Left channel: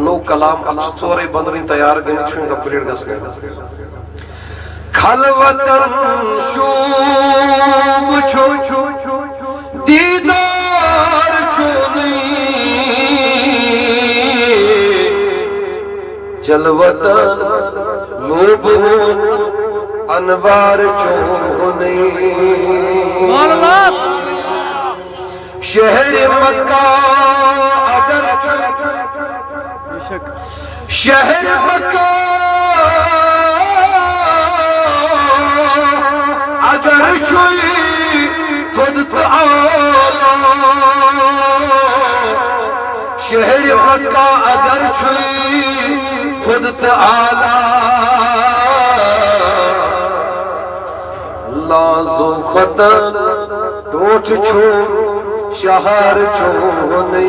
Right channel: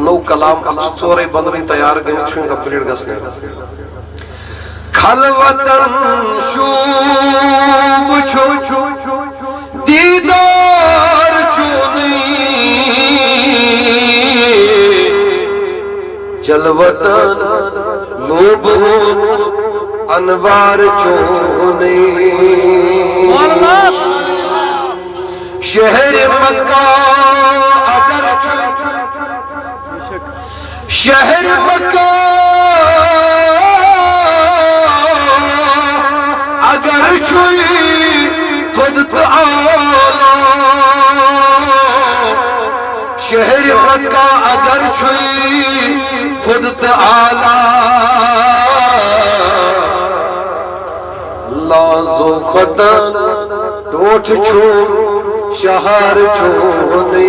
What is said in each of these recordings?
no कलाम चोरे बंदवन तैयार गमित complete गसने खलवतन शूब छु दीदार चुनी जलवतन लोब अनवार चोने शहर मक्का अगर शहर मक्का अगर छुई खुद तो आला शहर मक्का अगर छुई खुद तो आला लाजो खतन टोठ छू शहर छोने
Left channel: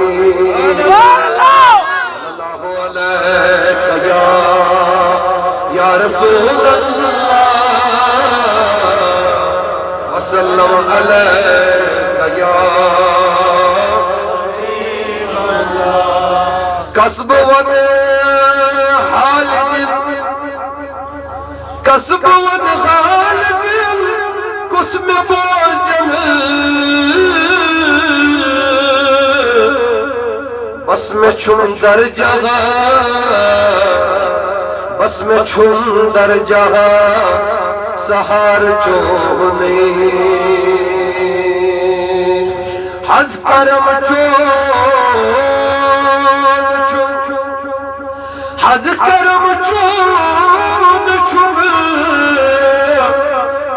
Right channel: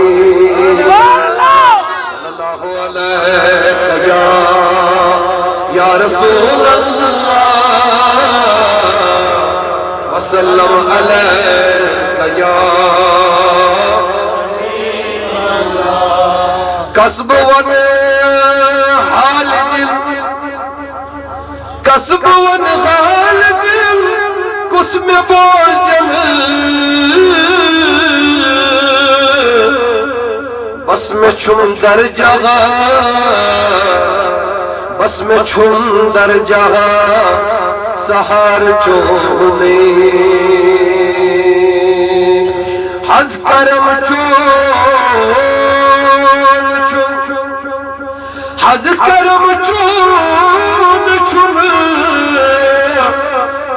सल्लल्लाहु अलैहि या रसूल अल्लाह वसल्लम अलैका या कसब वन हाल दिल कसब वन हाल दिल कुस में बोझम बस में छुंदर जगह बस में छुंदर जगह सहार चोने हज करम चोन हज करम चोन छुम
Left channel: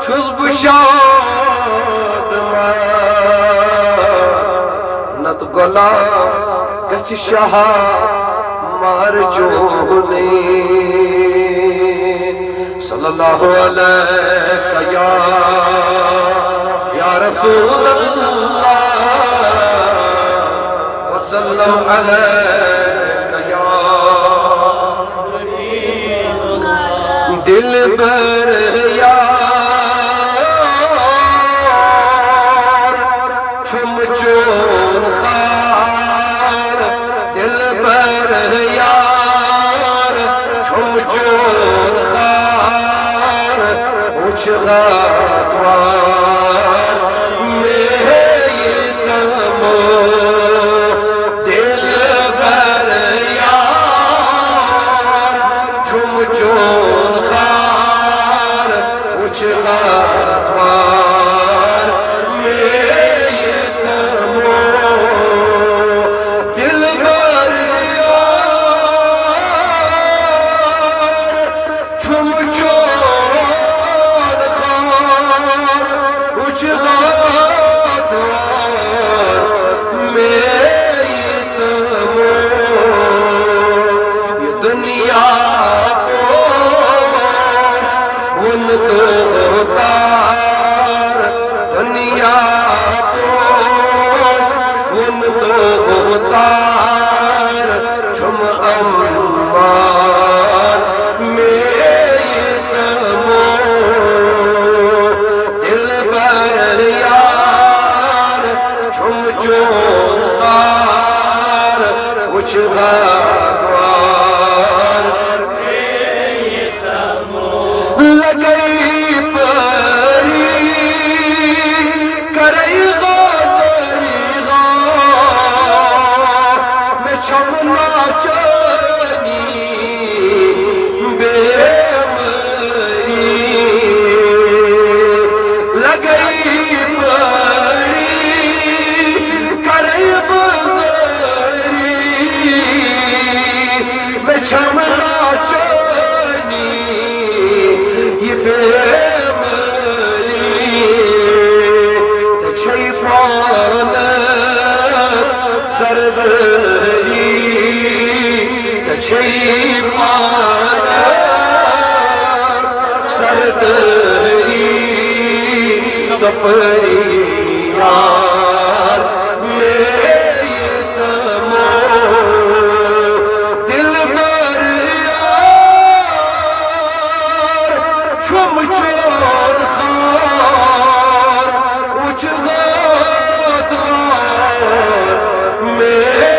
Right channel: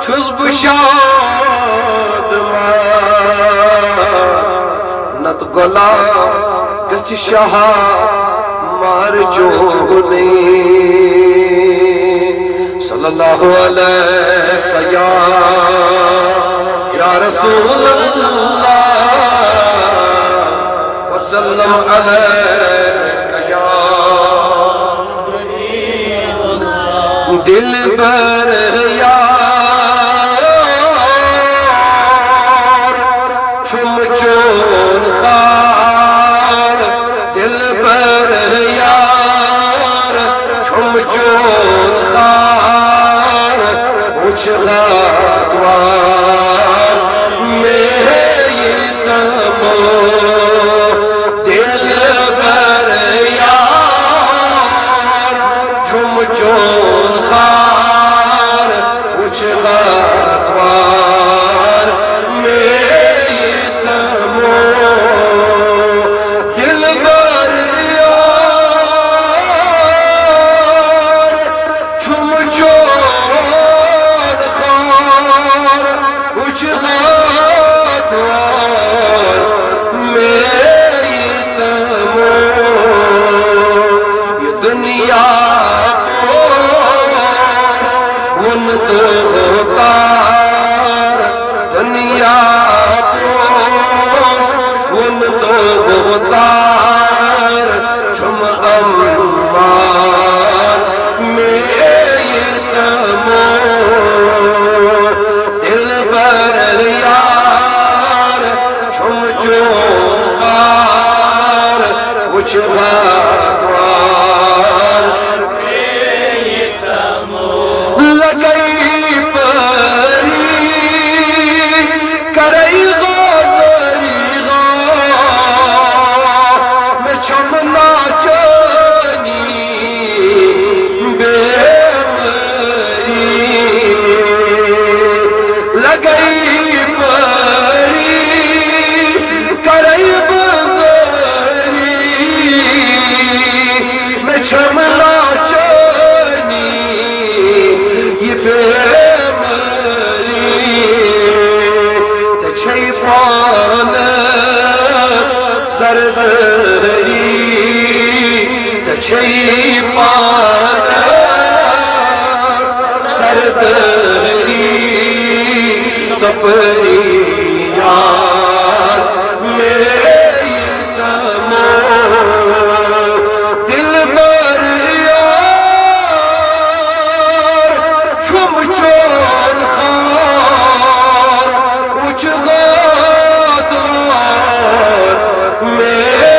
छुस बुशाद नत गला गच शाह मार चोने सल्लल्लाहु अलैका या रसूल अल्लाह वसल्लम अलैका या दिल बर यार छुम चोन खार दिल बर यार छुम चोन खार उछलातवार में ये तमो दिल बर यार छुम चोन खार उछलातवार में ये तमो दिल बर यार छुम चोन खार उछलातवार में ये तमो ये दुनिया उन दो तार दुनिया पोश उन दो तार छुम अम्मार मेरे तमो दिल बर यार छुम चोन खार उछला लगई परी करई गाजरी गा मैं छमना चनी बेमरी लगई परी करई गाजरी मैं छमना चनी ये बेमरी छई पानस सरदरी छई पानस सरदरी सपरी यार मेरे तमो दिल बर यार छुम चोर खार उछलातवार मेरे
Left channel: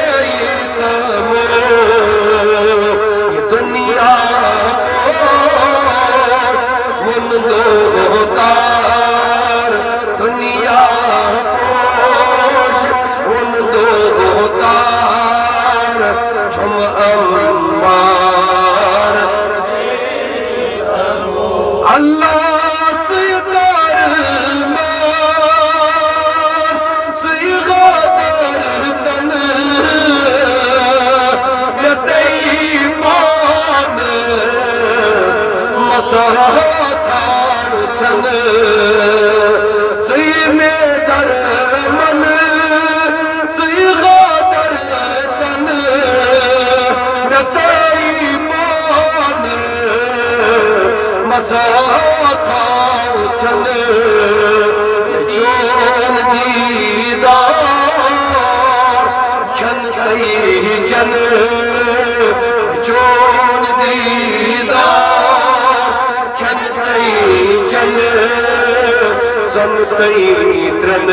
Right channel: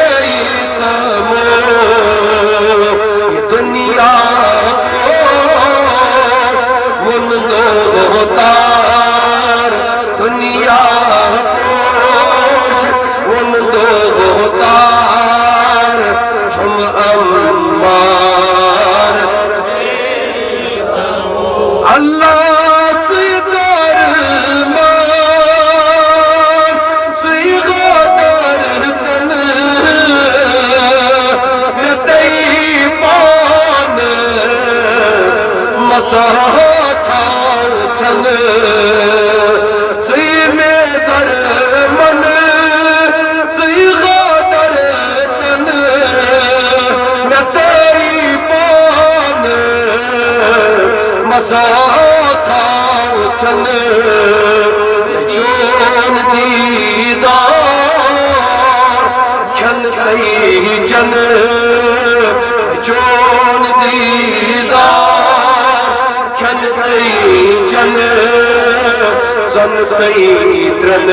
तमो छुम अम्मार अल्लाह Tren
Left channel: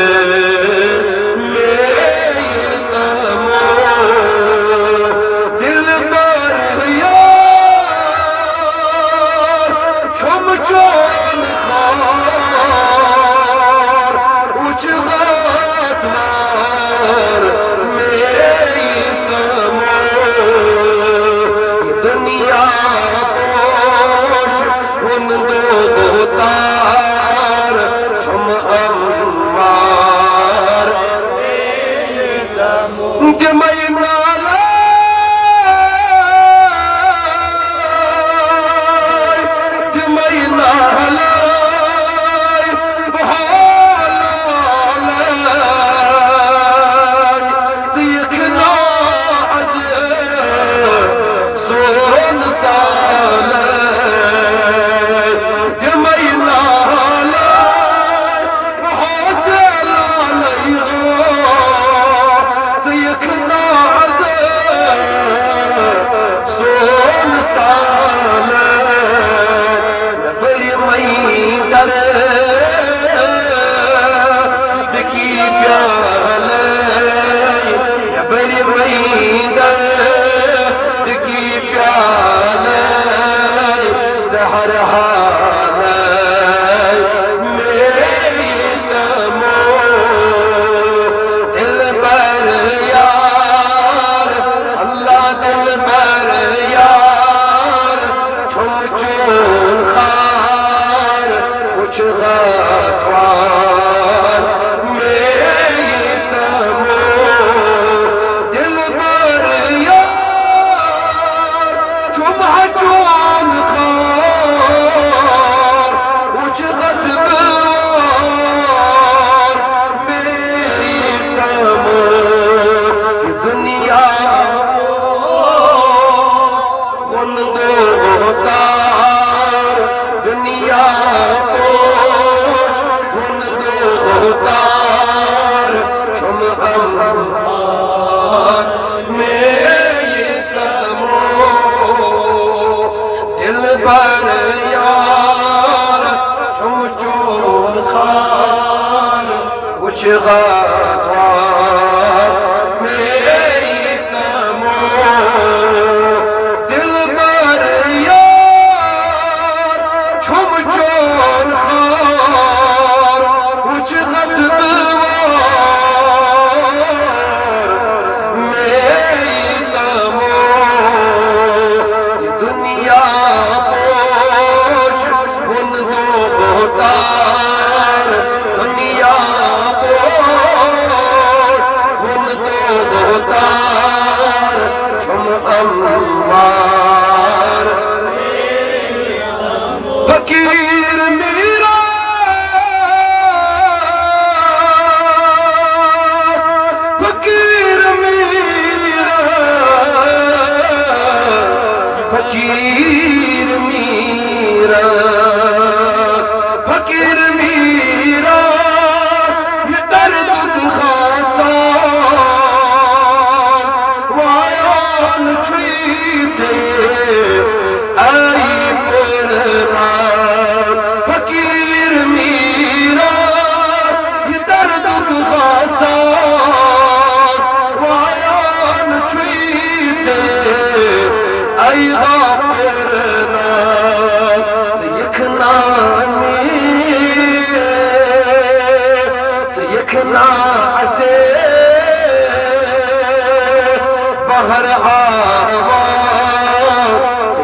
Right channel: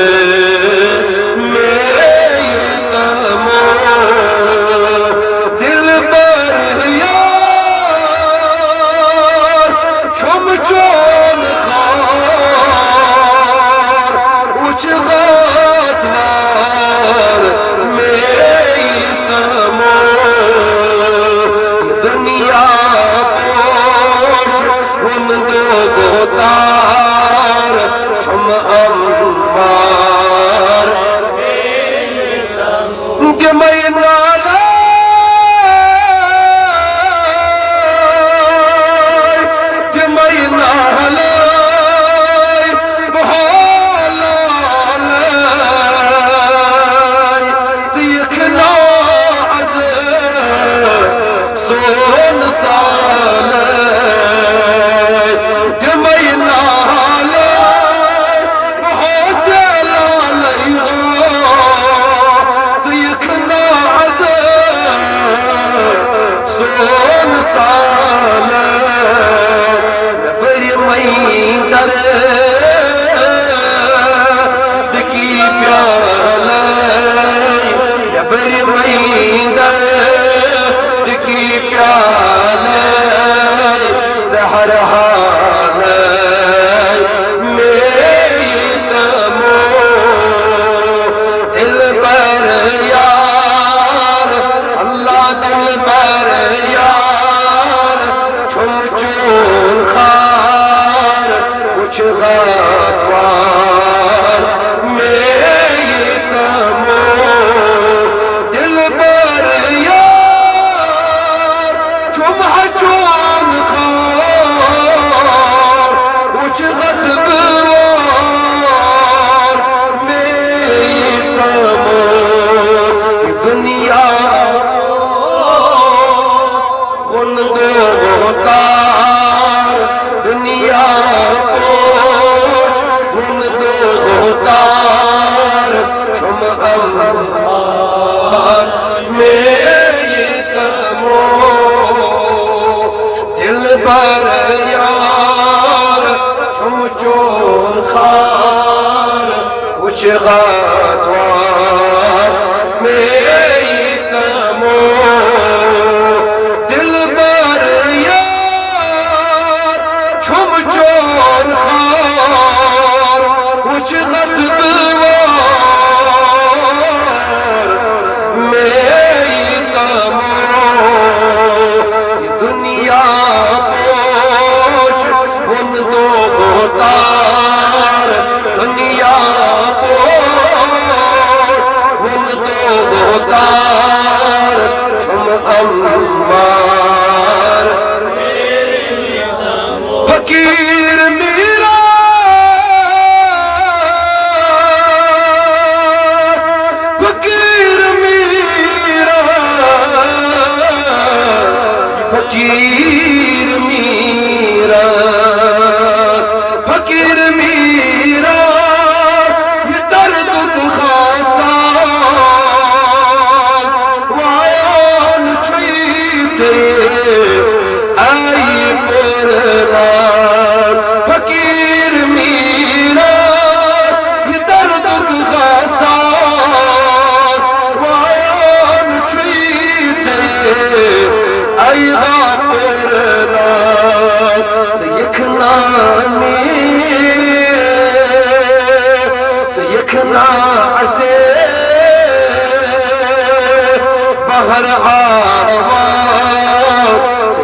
bahar awa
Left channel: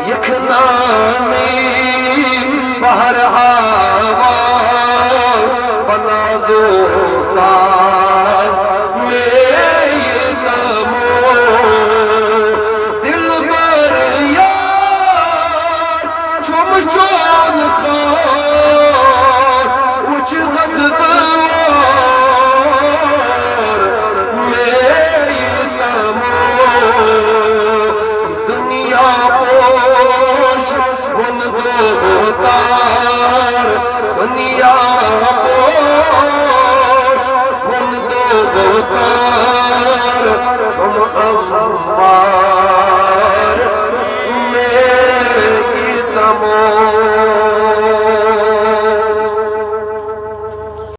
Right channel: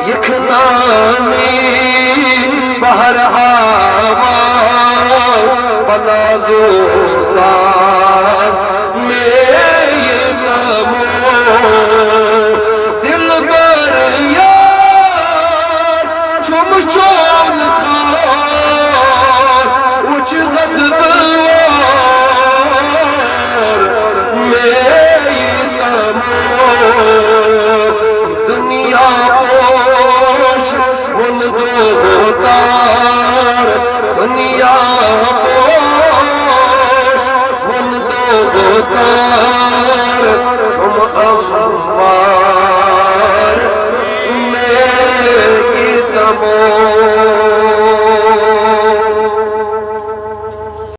yekhnani bahar awa banazo